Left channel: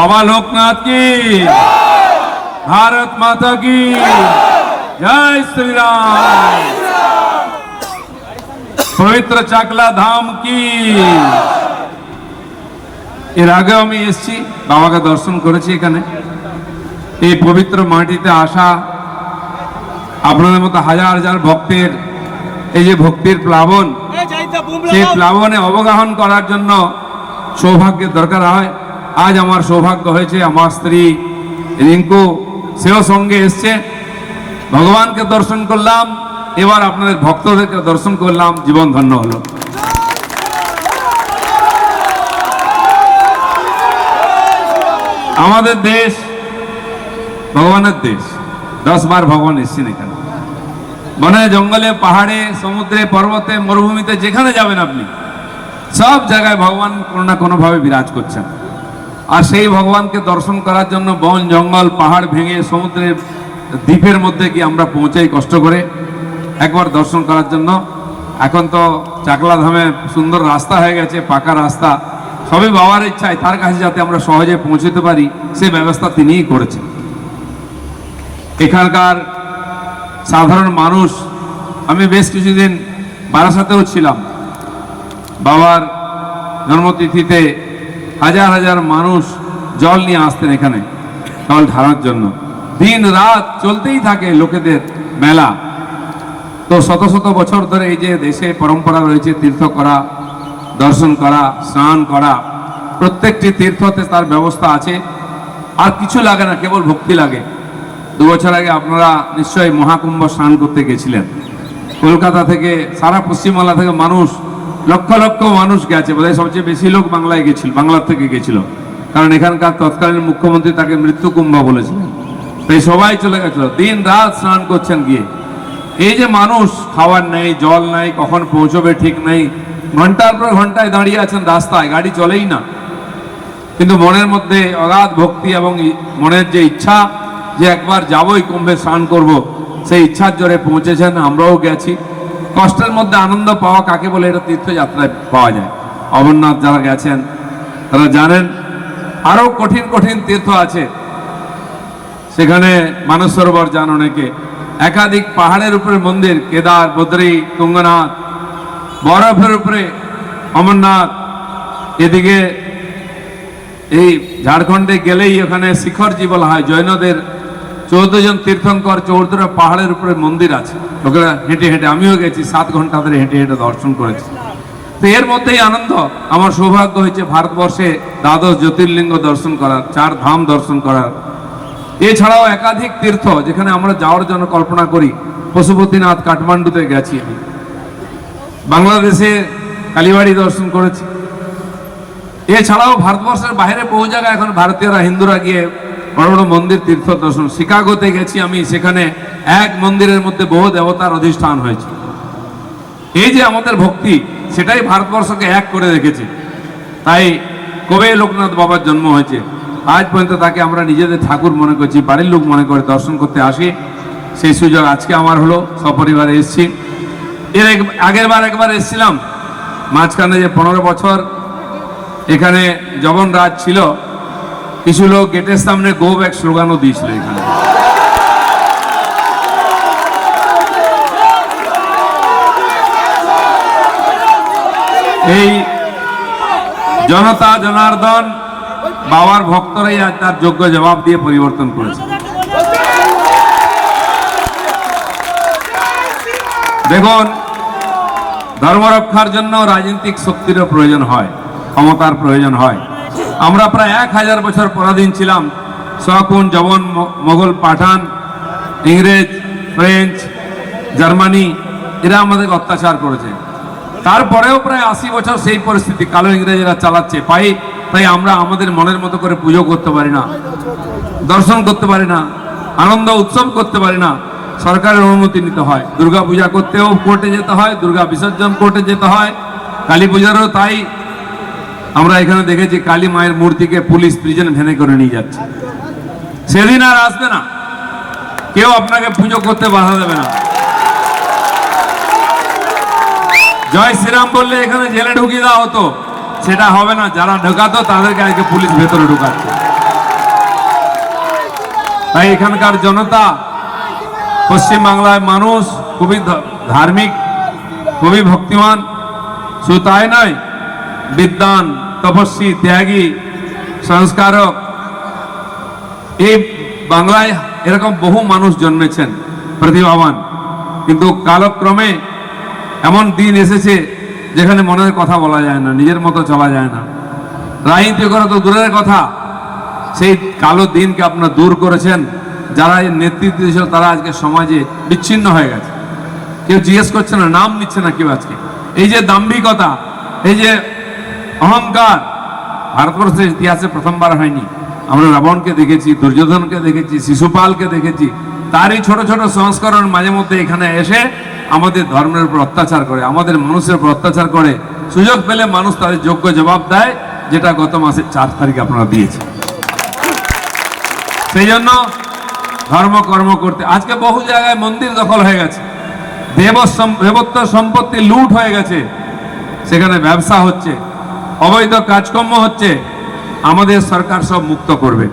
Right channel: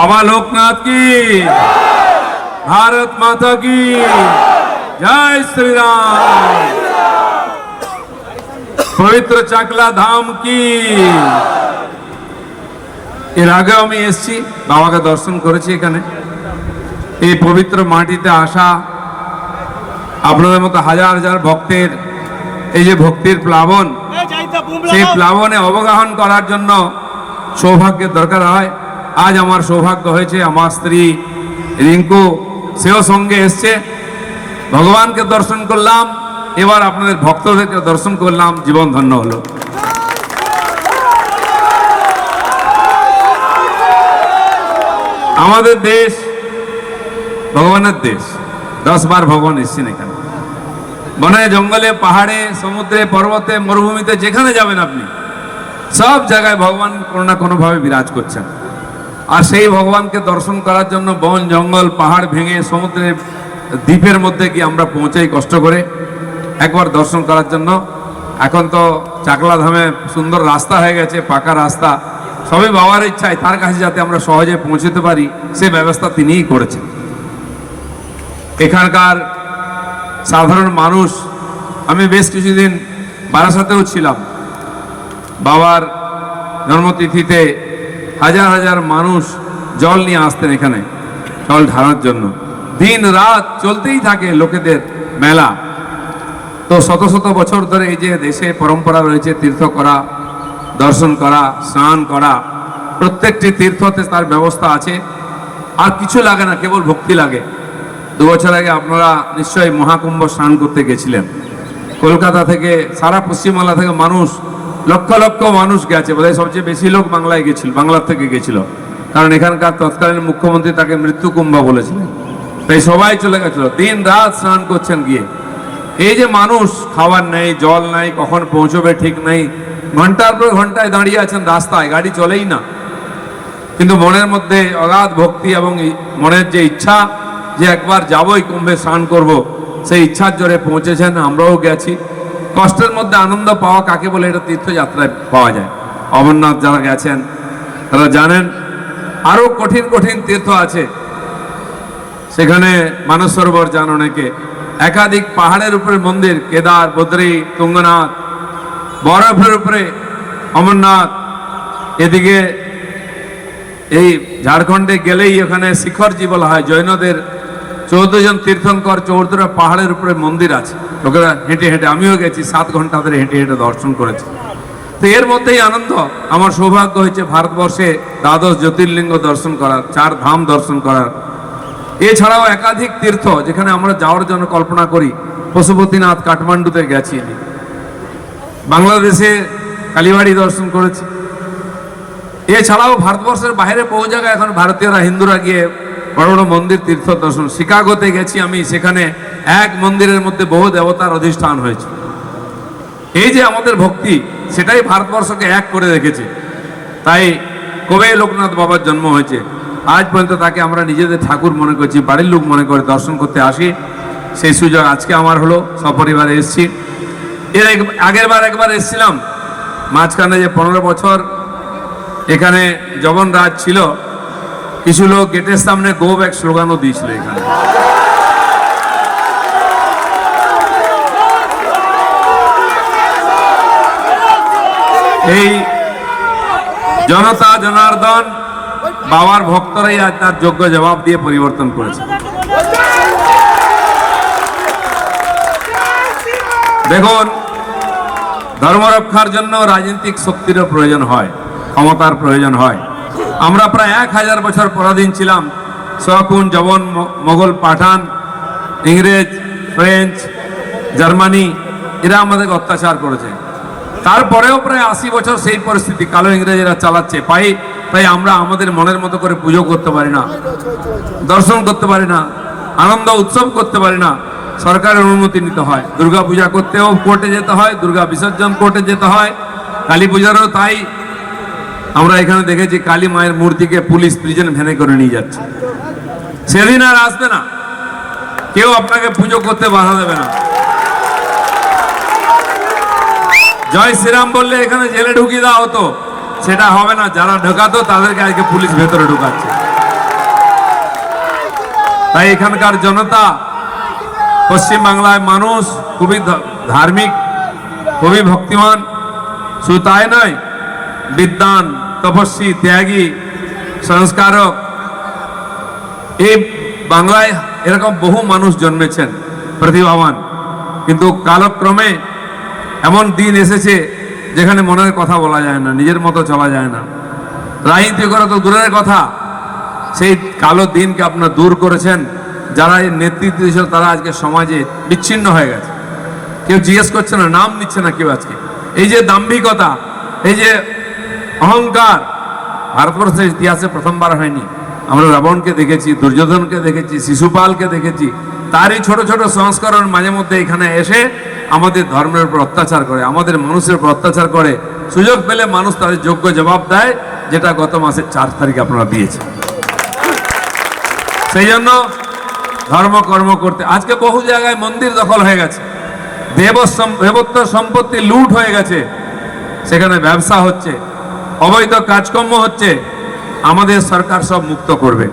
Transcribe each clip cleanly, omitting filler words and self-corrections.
बाबा लोकनाथ की, भारत माता की जय श्री राम। पवित्र चाकला धाम की। এর আগে আমি এসেছি, বাবাকে দর্শন করেছি। এখানে এই পবিত্র মাটিতে আসা আপনাদের মতো হাজার হাজার ভক্তের এই যে ভক্তির প্লাবন, সেই প্লাবনে অবগাহন করার জন্য সৌভাগ্যের দরকার হয়। আজ আমার সৌভাগ্য হয়েছে, আমার স্ত্রী রিঙ্কু সেও সঙ্গে এসছে। ভগবানকে দর্শন করলাম, এবার আপনাদের ভক্তদেরকে দর্শন করলাম, জীবন ধন্য হলো। আমাদের দেশ ভগবানের দেশ, 10 বার ভগবান এসছেন এখানে। বনে জঙ্গলে পাহাড়ে সমুদ্রে পর্বতে মরুভূমিতে যেখানে যাবেন আপনি, সব জায়গায় ভগবান কোনো না কোনো ভাবে বিরাজ করছেন। আর সেই ভগবানকে দর্শন করার জন্য বন জঙ্গল পাহাড় ভেঙে সমুদ্রের দ্বীপের মধ্যে গিয়ে আমরা পৌঁছাই কষ্ট করে একবার দর্শন করার জন্য। এখন তো চাকলা ধামে সুন্দর রাস্তা হয়ে গেছে, পাকা রাস্তা। সবই বাবার ইচ্ছায় তার কাছে যাতে আমরা সহজে পৌঁছতে পারি, সেই ব্যবস্থা তিনিই করেছেন। এখানকার সাধারণ মানুষ, আমি বেশ কিছুদিন বারাসাতেও ছিলাম, বাবার জন্মতিথিতে হাজার হাজার মানুষ জল নিয়ে আসতেন এখানে জল ঢালার জন্য। দিন রাত চলতেই থাকে লোকেদের মেলা। তো শত শত বছর ধরে এই যে দেশে পরম্পরা রয়েছে তীর্থ করা, দর্শন করা, স্নান করা, প্রত্যেকটি তীর্থতে তার ব্যবস্থা আছে। আর কিছু লাগে না, কেবল ভক্তি লাগে। 2 বছর আগে আপনারা নিশ্চয়ই মহাকুম্ভ স্নান করতে গেছিলেন। কলকাতা থেকে, সারা পশ্চিমবাংলা থেকে মানুষ, লক্ষ লক্ষ মানুষ গেছে। বোধহয় সবচেয়ে বেশি লোক বাংলায় গেছিল, বাংলার থেকে গেছিল, কারণ এখানকার তৎকালীন মুখ্যমন্ত্রী তাকে মৃত্যু কুম্ভ বলেছিলেন। তাই সবাই চলে গেছিল, দিন রাত স্নান করছেন গিয়ে। এই যে মানুষ, খাবার নেই, জল নাই, কখন পৌঁছবে ঠিক নেই, ঘন্টার পর ঘন্টায় দাঁড়িয়ে আছেন রাস্তায়, গাড়ি চলেই না। কিন্তু মনের মধ্যে অগাধ ভক্তি এবং মনের যে ইচ্ছা যে একবার যাবই কুম্ভে স্নান করব, সেই ইচ্ছার জোরে পৌঁছেছেন। আমরাও গেছি। কষ্টের মধ্যে আনন্দ পাওয়া কাকে বলে, এটা তীর্থযাত্রায় পাওয়া যায়। অমরনাথ যারা গেছেন তারা জানেন। আরো কঠিন কঠিন তীর্থ আছে সেখানে, মানস সরোবর যান অনেকে। একাধিক পাহাড়ের উপরে মন্দির, কেদার, বদ্রী, তুঙ্গনাথ, বরফের উপরে অমরনাথ। এদিকে এই ঝাড়খণ্ডে গেলেই ওখানে শিখরজি বলা হয়, জৈনদের 14 জন তীর্থঙ্কর, 14টা পাহাড়ের উপরে মন্দির আছে। লোকেরা হেঁটে হেঁটে, আমিও গেছি, 7 ঘন্টা ধরে হেঁটে হেঁটে দর্শন করেছি। তো এর মধ্যেই আনন্দ। আমার সৌভাগ্য হয়েছে ভারতবর্ষে 12 জ্যোতির্লিঙ্গ দর্শন করার, 4 ধাম দর্শন করার। এছাড়াও একাধিক তীর্থ যেখানে আমরা যাওয়ার জন্য কল্পনা করি। পশুপতিনাথ কাঠমান্ডুতে গেছি, বাংলাদেশে কালীবাড়ি দর্শন করেছি। এছাড়াও ভারতবর্ষের বাইরে বহু জায়গায় এখন ভারতীয়রা, হিন্দুরা গিয়ে বড় বড় মন্দির তীর্থ দর্শন। শিকাগোতে গেছি আমি, সেখানে এক মন্দিরের মধ্যে বহু দেবতার অধিষ্ঠান হয়েছে। এই যে আমাদের ভক্তি, সেটাই ভারতবর্ষকে এক করে রেখেছে। তাই কবে লোকনাথ বাবার জন্ম হয়েছে, আজ পর্যন্ত তাকে আমরা নিজেদের ঠাকুর মনে করছি, বাড়ির লোক মনে করে দর্শন করতে আসি। সেই সুযোগ আজকে আমার হলো, সপরিবারে এসেছি। এর আগের বার একবার এসেছিলাম, মাঝখানে যে 15 বছর এখানে যবন রাজ ছিল, কিছু লোক গেটের সামনে গো ব্যাক স্লোগানও দিয়েছিল এখানে। এই জনতা জনার্দন বাবার ভক্তরাই আজ তার যোগ্য জবাব দিয়ে পরিবর্তন করেছে। দেখুন, ধর্ম রক্ষার জন্য রাজনৈতিক শক্তিরও প্রয়োজন হয়, ক্ষমতার প্রয়োজন হয়। আমরা প্রায় 1000 বছর পরাধীন ছিলাম। শকুন, যবন, মোগল, পাঠান, ইংরেজ, ফ্রেঞ্চ, জার্মানি, এরা আমাদেরকে অত্যাচার করেছে। তারপরেও প্রায় 80 বছর সেই পরিস্থিতি কালো ইংরেজেরা চালাচ্ছে। তাই আমরা আমাদের মনের মতো করে পুজো করতে পারি না, দর্শন করতে পারি না, আনন্দ উৎসব করতে পারি না। সরকারের অনুমতি নিতে হয়। দুর্গা পূজা করতেও কোর্টে যেতে হয়, দুর্গা বিসর্জন কোর্টে যেতে হয়, কালী পূজারও তাই। আমরা এখানে দেখেছি কালী মায়ের মূর্তিকে পুলিশ প্রিজন ভ্যানে করে নিয়ে যাচ্ছে। সেদিন আর আসবে না, কেউ আপনাকে পুজো করতে বাধা দেবে না। জয় শ্রীরাম বললে এখানে জেলে ঢুকিয়ে দেওয়া হতো, সেটা হবে না। যারা ঢোকাতো তাদেরকে আজকে পুলিশ ভেতরে ঢুকাচ্ছে। তাই এখানকার জনতা, পশ্চিমবাংলায় মানুষ খুবই ধার্মিক, খুবই ভক্তিমান। শুধু তাই নয়, বিদ্বান, তপস্বী, ত্যাগী, সংস্কারক। এই বাংলায় এরকম বহু মানুষ জন্মেছেন প্রতিভাবান, কিন্তু কালক্রমে এমন দিন এসেছে যেখানে মনের কথা বলা যায় না, নিজের মতো চলা যায় না, রাজনীতি করা তো দূরের কথা। সেই কালো দিনকে আপনারা দূর করেছেন। যারা এই নেতৃত্ব দিয়েছিল তারা আজকে সমাজে বিচ্ছিন্ন হয়ে গেছে, কেউ জিজ্ঞেস করছে না, নাম নিচ্ছে না কেউ। আজকে এই যে দাম্ভিকতা, এই যে অহংকার, ভারতবর্ষের ইতিহাসে প্রথমবার হয়নি। আমরা রাবণকে দেখেছি, দুর্যোধনকে দেখেছি, শিশুপালকে দেখেছি। তারই ছোট ছোট সংস্করণ মাঝে মধ্যে এখানে এসে আমাদের ধর্মের উপর অত্যাচার করে, আমাদের মানুষের উপর অত্যাচার করে। সুযোগ পেলে মানুষ তাদের যোগ্য জবাব দেয়, যেটা গত মাসের 4 তারিখে আপনারা দিয়েছেন। সেই জন্য ধর্ম কর্ম করতে আজকে বহু জায়গায় মন্দির দখল হয়ে গেছে, দেবত্ব সম্পত্তি লুট হয়ে গেছে, সেখানে ব্যবসা হচ্ছে, অবৈধ কাজকর্ম হচ্ছে। আমাদের সরকার সব মুক্ত করবে,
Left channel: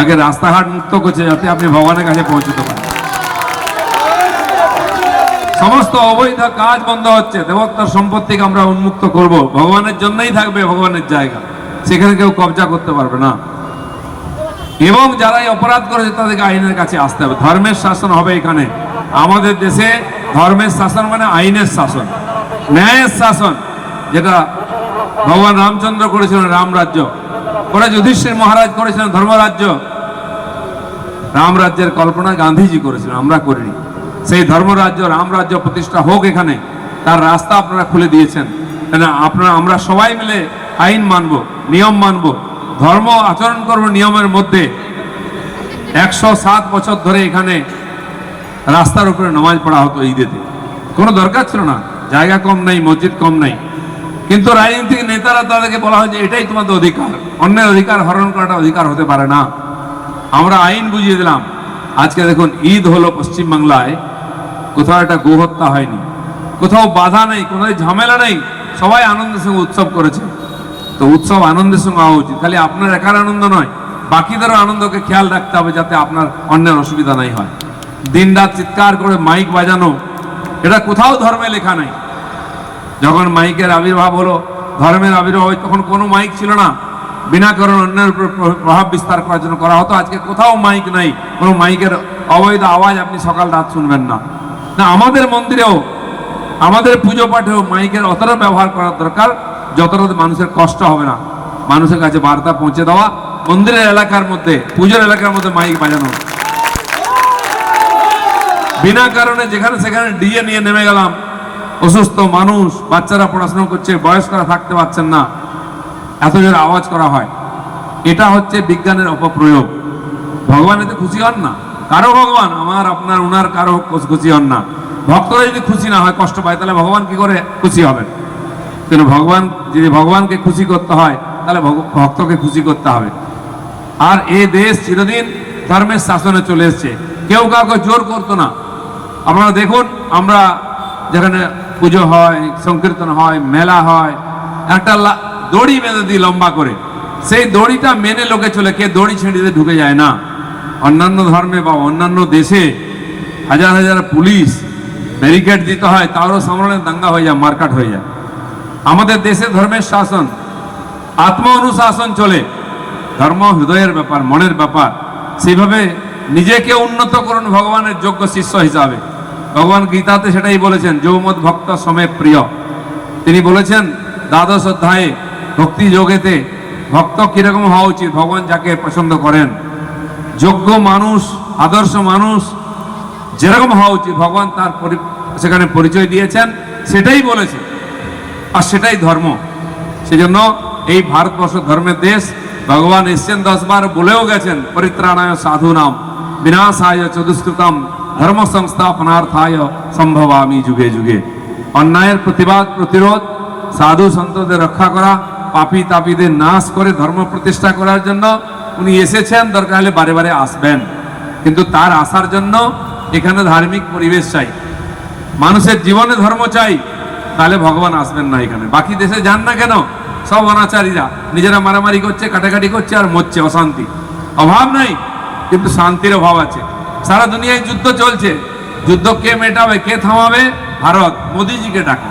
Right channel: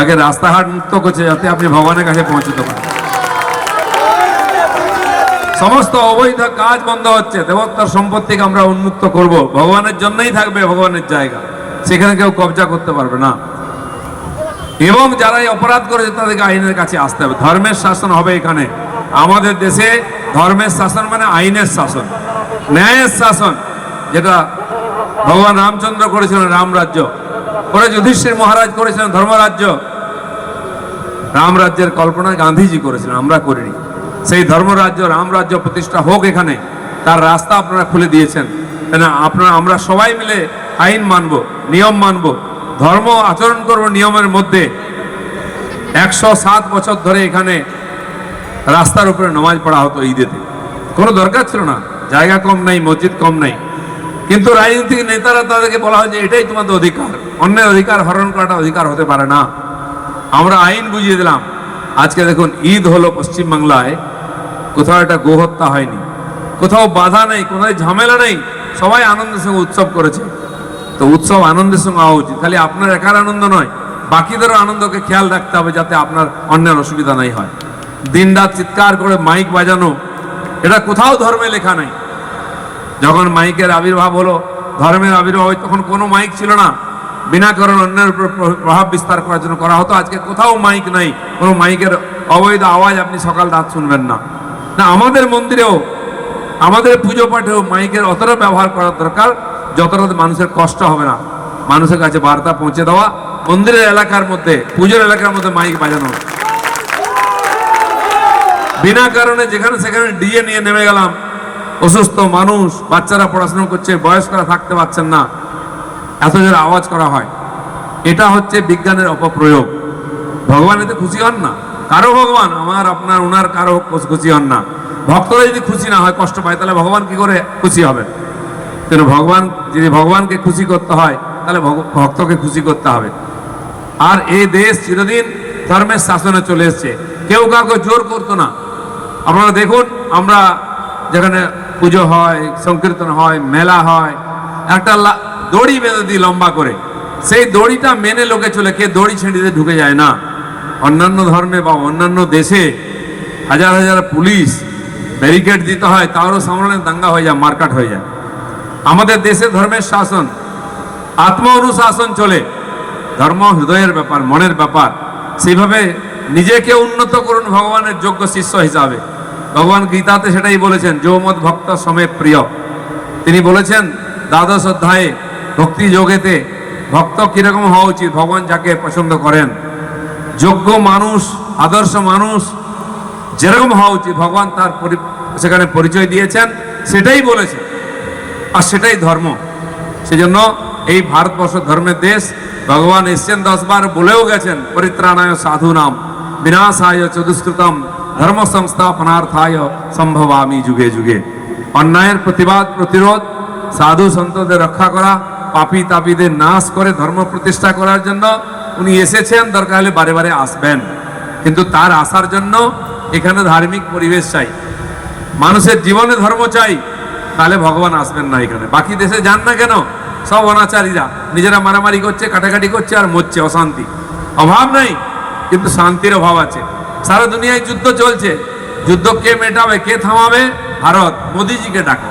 আগে রাস্তাঘাট মুক্ত করছে যাতে আপনি ভগবানের কাছে পৌঁছতে পারেন। সমস্ত অবৈধ কাজ বন্ধ হচ্ছে, দেবত্বর সম্পত্তিকে আমরা উন্মুক্ত করব, ভগবানের জন্যই থাকবে ভগবানের জায়গা, সেখানে কেউ কবজা করতে পারবে না। এবং যারা এই অপরাধ করেছে তাদেরকে আইনের কাছে আসতে হবে। ধর্মের শাসন হবে এখানে। আমাদের দেশে ধর্মের শাসন মানে আইনের শাসন, ন্যায়ের শাসন, যেটা ভগবান রামচন্দ্র করেছিলেন রাম রাজ্য, পরে যুধিষ্ঠির মহারাজ করেছিলেন ধর্মরাজ্য। রাম রাজ্যের কল্পনা গান্ধীজি করেছিলেন, আমরা করিনি। সেই ধর্মরাজ্য রাম রাজ্য প্রতিষ্ঠা হোক এখানে, তার রাস্তা আপনারা খুলে দিয়েছেন। আপনারা আমরা সবাই মিলে আইন মানব, নিয়ম মানব, ধর্ম আচরণ করব নিয়মের মধ্যে। 107 বছর ধরে এখানে রাস্তার উপরে নামাজ পড়া হতো ঈদেতে, কোনো দরকার ছিল না, জায়গা কম নাই, মসজিদ কম নাই। কিন্তু রাজনৈতিক নেতারা তাদেরকে বলা হয় যে এটাই তোমাদের অধিকার, অন্যের অধিকার হরণ করাটা অধিকার হতে পারে না। আমরা আইন বুঝিয়ে দিলাম। আজকে দেখুন ঈদ হলো পশ্চিমবাংলায়, কোথাও একটা গোহত্যা হয়নি, কোথাও বাধা নেই, কোনো ঝামেলা নেই, সবাই আনন্দের সঙ্গে উৎসব করেছে। তো উৎসব আনন্দের সঙ্গে হওয়া উচিত, খালি আপনার একার আনন্দ নয়, বাকিদেরও আনন্দকে খেয়াল রাখতে হবে যাতে আপনার অন্যের অসুবিধা নাই হয়। দিন রাত চিৎকার করে মাইক বাজানো, এটা কোথাও ধর্মে লেখা নেই। যখন মাইকের আবির্ভাব হলো, ধর্মের আবির্ভাব হয়, তখন কোনো মাইক ছিল না, বিনা কারণে অন্যের উপর প্রভাব বিস্তার করার জন্য করা হতো। আজকে কোথাও মাইক নাই, কোনো মাইকের অবৈধ আওয়াজ আপনি সকাল রাত শুনবেন না। না, আমাদের মন্দিরেও, আমাদের পুজো পাঠেও মাইকের অতটা ব্যবহার করার দরকার যতটা মানুষের কষ্ট হবে না, মানুষের কাছে বার্তা পৌঁছে দেওয়া। মন্দিরের এলাকার মধ্যে, পুজোর এলাকার মধ্যে মাইক বাজানো, বিনা কারণে যেখানে সেখানে ডিজে নিয়ে নেমে গেলাম। অসুস্থ মানুষ, বাচ্চারা পড়াশোনা করছে, বয়স্করা থাকতে পারছেন না, এত জোরে আওয়াজ করা হয়। এটা হচ্ছে বিজ্ঞানের অপপ্রয়োগ। ভগবান এতে খুশি হন না, কারো ভগবান, আমার আপনার ওনার কারো খুশি হন না। ভক্তরা যদি খুশি না হয়, কষ্ট পায়, তাহলে ভগবান কি করে খুশি হবেন? কিন্তু ভগবান, যদি ভগবানকে খুশি করতে হয় তাহলে ভক্তকে খুশি করতে হবে। আর এই দেশ চিরদিন ধর্মের শাসনে চলে এসছে, কেউ কাউকে জোর করতো না। আপনারা দেখুন, আমরা যেখানে পুজো হয়, সংকীর্তন হয়, মেলা হয়, একটা দড়ি বেঁধে দিই লম্বা করে, সেই দড়িটা মেনে লোকে চলে, কে দড়ি ছেড়ে দিয়ে ঢুকে যায় না। অন্যান্য ধর্মে বা অন্যান্য দেশে হাজার হাজার পুলিশ ব্যারিকেড দিতে হয়, তারও সামনে দাঙ্গা হয়ে যায়, মারকাট হয়ে যায়। আমাদের দেশে ধর্মের শাসন, আত্ম অনুশাসন চলে। ধর্ম হৃদয়ের ব্যাপার, মনের ব্যাপার। সেইভাবে নিজেকে উন্নত করুন ভগবানের যোগ্য শিষ্য হিসাবে। ভগবান গীতাতে সেটাই বলেছেন, যৌমদ ভক্ত সমে প্রিয়। তিনি বলেছেন দ্বাদশ অধ্যায়ে ভক্তি যোগেতে, ভক্ত কিরকম হওয়া উচিত, ভগবান যাকে পছন্দ করেন, যোগ্য মানুষ, আদর্শ মানুষ যেরকম হওয়া উচিত, ভগবান তার সেখানে পরিচয় দিয়েছেন, সেটাই বলেছে, আর সেটাই ধর্ম। সেজন্য এই ভারতবর্ষ ধর্মের দেশ। ভগবান এসছেন 10 বার, বলেও গেছেন, পরিত্রাণায় সাধুনাম বিনাশায় চতুষ্কৃতম ধর্ম সংস্থাপনার্থায় সম্ভবামি যুগে যুগে। অন্যায়ের প্রতিবাদ, প্রতিরোধ, সাধু সন্তদের রক্ষা করা, পাপী তাপীদের নাশ করে ধর্ম প্রতিষ্ঠা করার জন্য উনি এসেছেন। দরকার হলে বারে বারে আসবেন, কিন্তু তার আসার জন্য এখানে ধার্মিক পরিবেশ চাই, মানুষের জীবনে ধর্ম চাই, তাহলে ভগবান আসবেন না এখানে। বাকি দেশে যান না কেন, সব অনাচারীরা নিজেরা মারামারি করছে, কাটাকাটি করছে, আর মরছে, অশান্তি, অভাব নাই। কিন্তু শান্তির অভাব আছে। সারা দুনিয়ায় যুদ্ধ চলছে, যুদ্ধ কে মেটাবে, কে থামাবে? ভারত। মোদিজিকে ডাকো।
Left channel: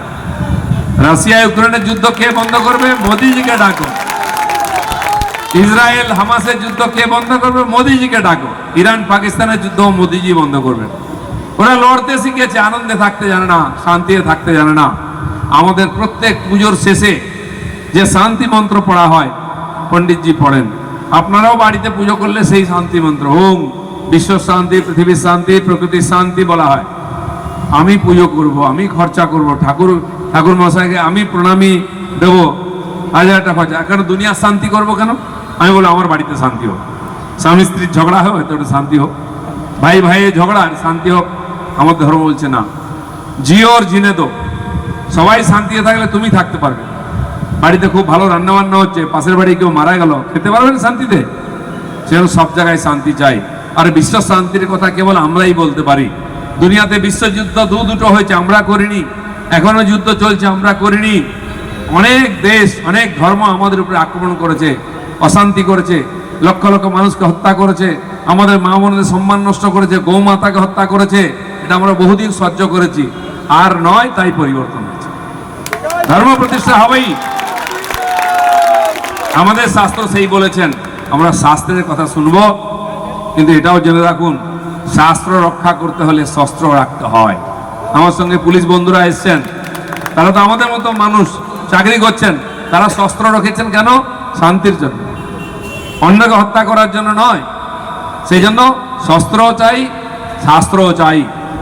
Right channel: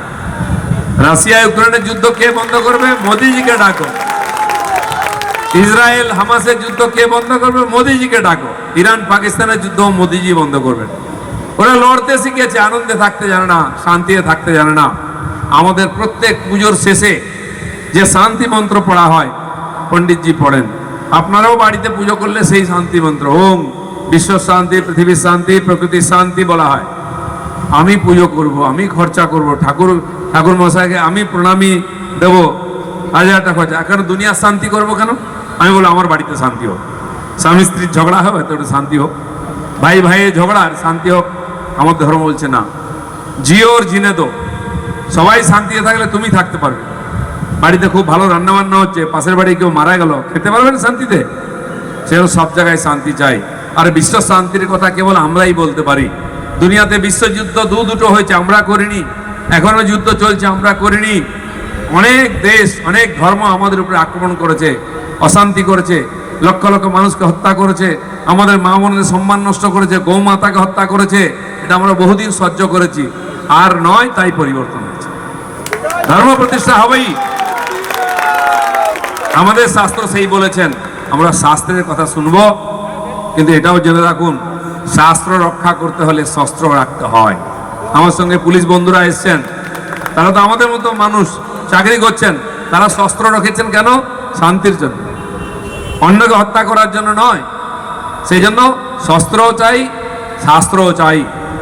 রাশিয়া ইউক্রেনের যুদ্ধ কে বন্ধ করবে? মোদিজিকে ডাকো। ইসরায়েল হামাসের যুদ্ধ কে বন্ধ করবে? মোদিজিকে ডাকো। ইরান পাকিস্তানের যুদ্ধ মোদিজি বন্ধ করবেন। ওরা লড়তে শিখেছে, আনন্দে থাকতে জানে না, শান্তিতে থাকতে জানে না। আমাদের প্রত্যেক পুজোর শেষে যে শান্তি মন্ত্র পড়া হয়, পণ্ডিতজি পড়েন। আপনারাও বাড়িতে পুজো করলে সেই শান্তি মন্ত্র, ওম বিশ্ব শান্তি, পৃথিবীর শান্তি, প্রকৃতির শান্তি বলা হয়। আমি পুজো করব, আমি খরচা করব, ঠাকুর মশাইকে আমি প্রণামী দেব, 1000 টাকা খরচা। এখন দুনিয়ার শান্তি করব কেন? আমি বলবো আমার বাড়িতে শান্তি হোক, স্বামী স্ত্রীর ঝগড়া হোক, এত শান্তি হোক, ভাই ভাইয়ের ঝগড়া শান্তি হোক। আমার ধর্ম বলছে না, জিও আর জিনে দো। সবাই শান্তিতে থাকলে তুমি থাকতে পারবে। বাড়িতে খুব ভালো রান্না বান্না হচ্ছে, পাশের বাড়ি কেউ মারা গেল, খেতে পারবেন শান্তিতে? সেও সব জায়গায় শান্তি চাই। আর বিশ্ব শান্তির কথা কেবল আমরাই বলতে পারি। দুনিয়াতে বিশ্বযুদ্ধ দুটো হয়েছে, আমরা করিনি। এখনো যুদ্ধ চলছে, আমরা করিনি। অনেক দেশ, অনেক ধর্ম আমাদের উপরে আক্রমণ করেছে, অশান্তি করেছে, লক্ষ লক্ষ মানুষকে হত্যা করেছে, আমাদের মা বোনদের সম্মান নষ্ট করেছে, গৌমাতাকে হত্যা করেছে। এটা আমরা বহুদিন সহ্য করেছি, আর নয় তাই পরিবর্তন হয়েছে। ধর্ম প্রতিষ্ঠা হবেই। আমাদের শাস্ত্র সেই বলেছেন, আমরা শাস্ত্রের কথা শুনবো, কিন্তু এটাও জেনে রাখুন, শাস্ত্র রক্ষা করতে হলে শস্ত্র রাখতে হয়। আমার সঙ্গে পুলিশ বন্ধুরা এসছেন, তারা তো আমাদের মতো মানুষ, চাকরি করছেন। তারা শস্ত্র রেখেছেন কেন? শান্তির জন্য, অন্যকে হত্যা করার জন্য নয়। সেই জন্য শস্ত্রও চাই, শাস্ত্রও চাই।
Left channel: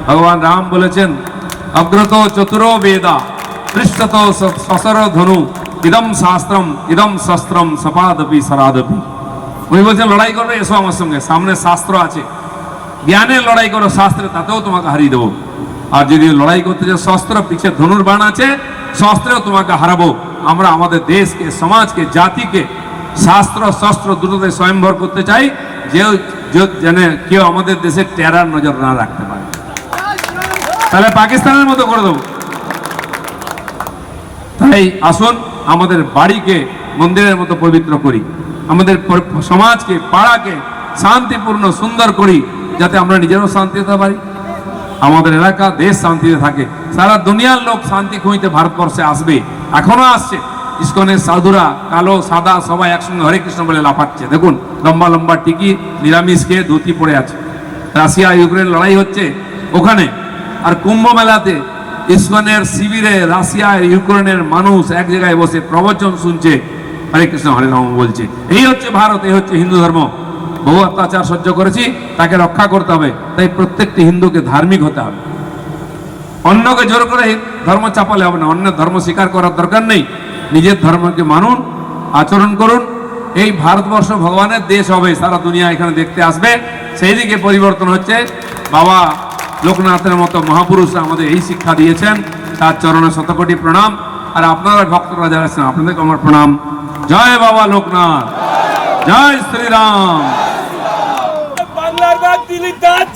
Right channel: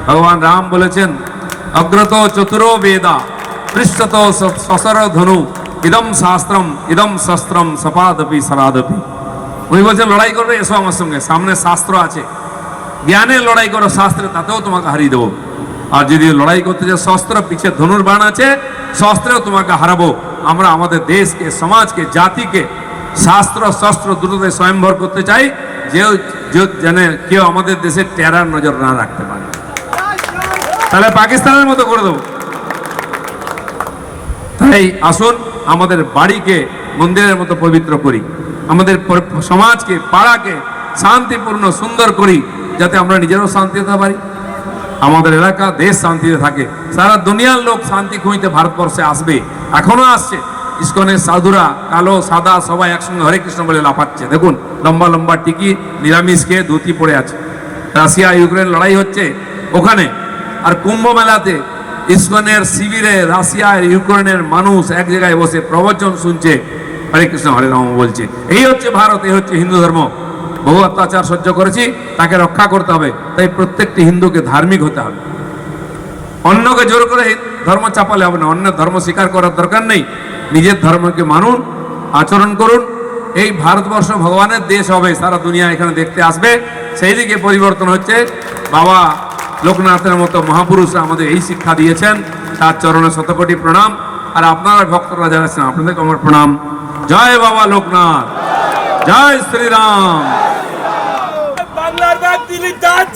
ভগবান রাম বলেছেন, অগ্রত চতুরো বেদা পৃষ্ঠত সসর ধনু ইদম শাস্ত্রম ইদম শস্ত্রম সপাদপি সরাদপি। উনি বলছেন লড়াই করবে, এসো আমার সঙ্গে, সামনে শাস্ত্র আছে। জ্ঞানে লড়াই করো, শাস্ত্রে তাতেও তোমাকে হারিয়ে দেবো। আর যদি লড়াই করতে চাও শস্ত্র, পিছে ধনুর বাণ আছে, শস্ত্রেও তোমাকে হারাবো। আমরা আমাদের দেশকে, সমাজকে, জাতিকে শাস্ত্র শস্ত্র দুটোতে স্বয়ংভর করতে চাই, যেন কেউ আমাদের দেশে টেরার নজর না রাখতে পারে। তাহলে পাকিস্তানের মতো করে দেবো। তাই আসুন আমাদের বাড়িকে মন্দিরের মতো পবিত্র করি, আমাদের সমাজকে, পাড়াকে শান্তিপূর্ণ সুন্দর করি, যাতে আমরা নিজেরও শান্তি হতে পারি, আমাদের এলাকা দেশ শান্তিতে থাকে। সারা দুনিয়ার লোক শান্তি খুঁজতে ভারতবর্ষে আসবে, এখনো আসছে। ইসকনের সাধুরা কালো সাদা সবাই একসঙ্গে হরে কৃষ্ণ বলে লাফাচ্ছে। দেখুন লম্বা লম্বা টিকি, নিরামিষ খেয়ে ধুতি পড়ে আছে। রাশিয়া ইউক্রেন লড়াই হচ্ছে ওখানে, আর কুম্ভ মেলাতে ইসকনের শিবিরে রাশিয়া ইউক্রেনের মানুষ এক জায়গায় বসে প্রবচন শুনছে, হরে কৃষ্ণ হরে রাম বলছে। এই হচ্ছে ভারত, এই হচ্ছে হিন্দু ধর্ম। বহু অত্যাচার সহ্য করেছি, তাকে রক্ষা করতে হবে। তাই প্রত্যেকটি হিন্দুকে ধার্মিক হতে হবে। অন্যকে জোর করে ধর্ম চাপালে হবে না, অন্য ধর্ম স্বীকার করার দরকার নেই। নিজের ধর্মকে মানুন, আচরণ করুন। এই ভারতবর্ষ ভগবানের দেশ হবে, সারা দুনিয়া এখানে দেখতে আসবে। সেই দিকে পরিবর্তন হচ্ছে। বাবা লোকনাথের মতো মহাপুরুষরা আমাদের এই শিক্ষা দিয়েছেন, তার চরণে শতকোটি প্রণাম। আর আপনারা ভক্তরা যারা আছেন, আপনাদেরকে আমার প্রণাম। জয় বাবা লোকনাথ, জয় শ্রীরাম। বাংলার বাঘ দিলীপ দাস।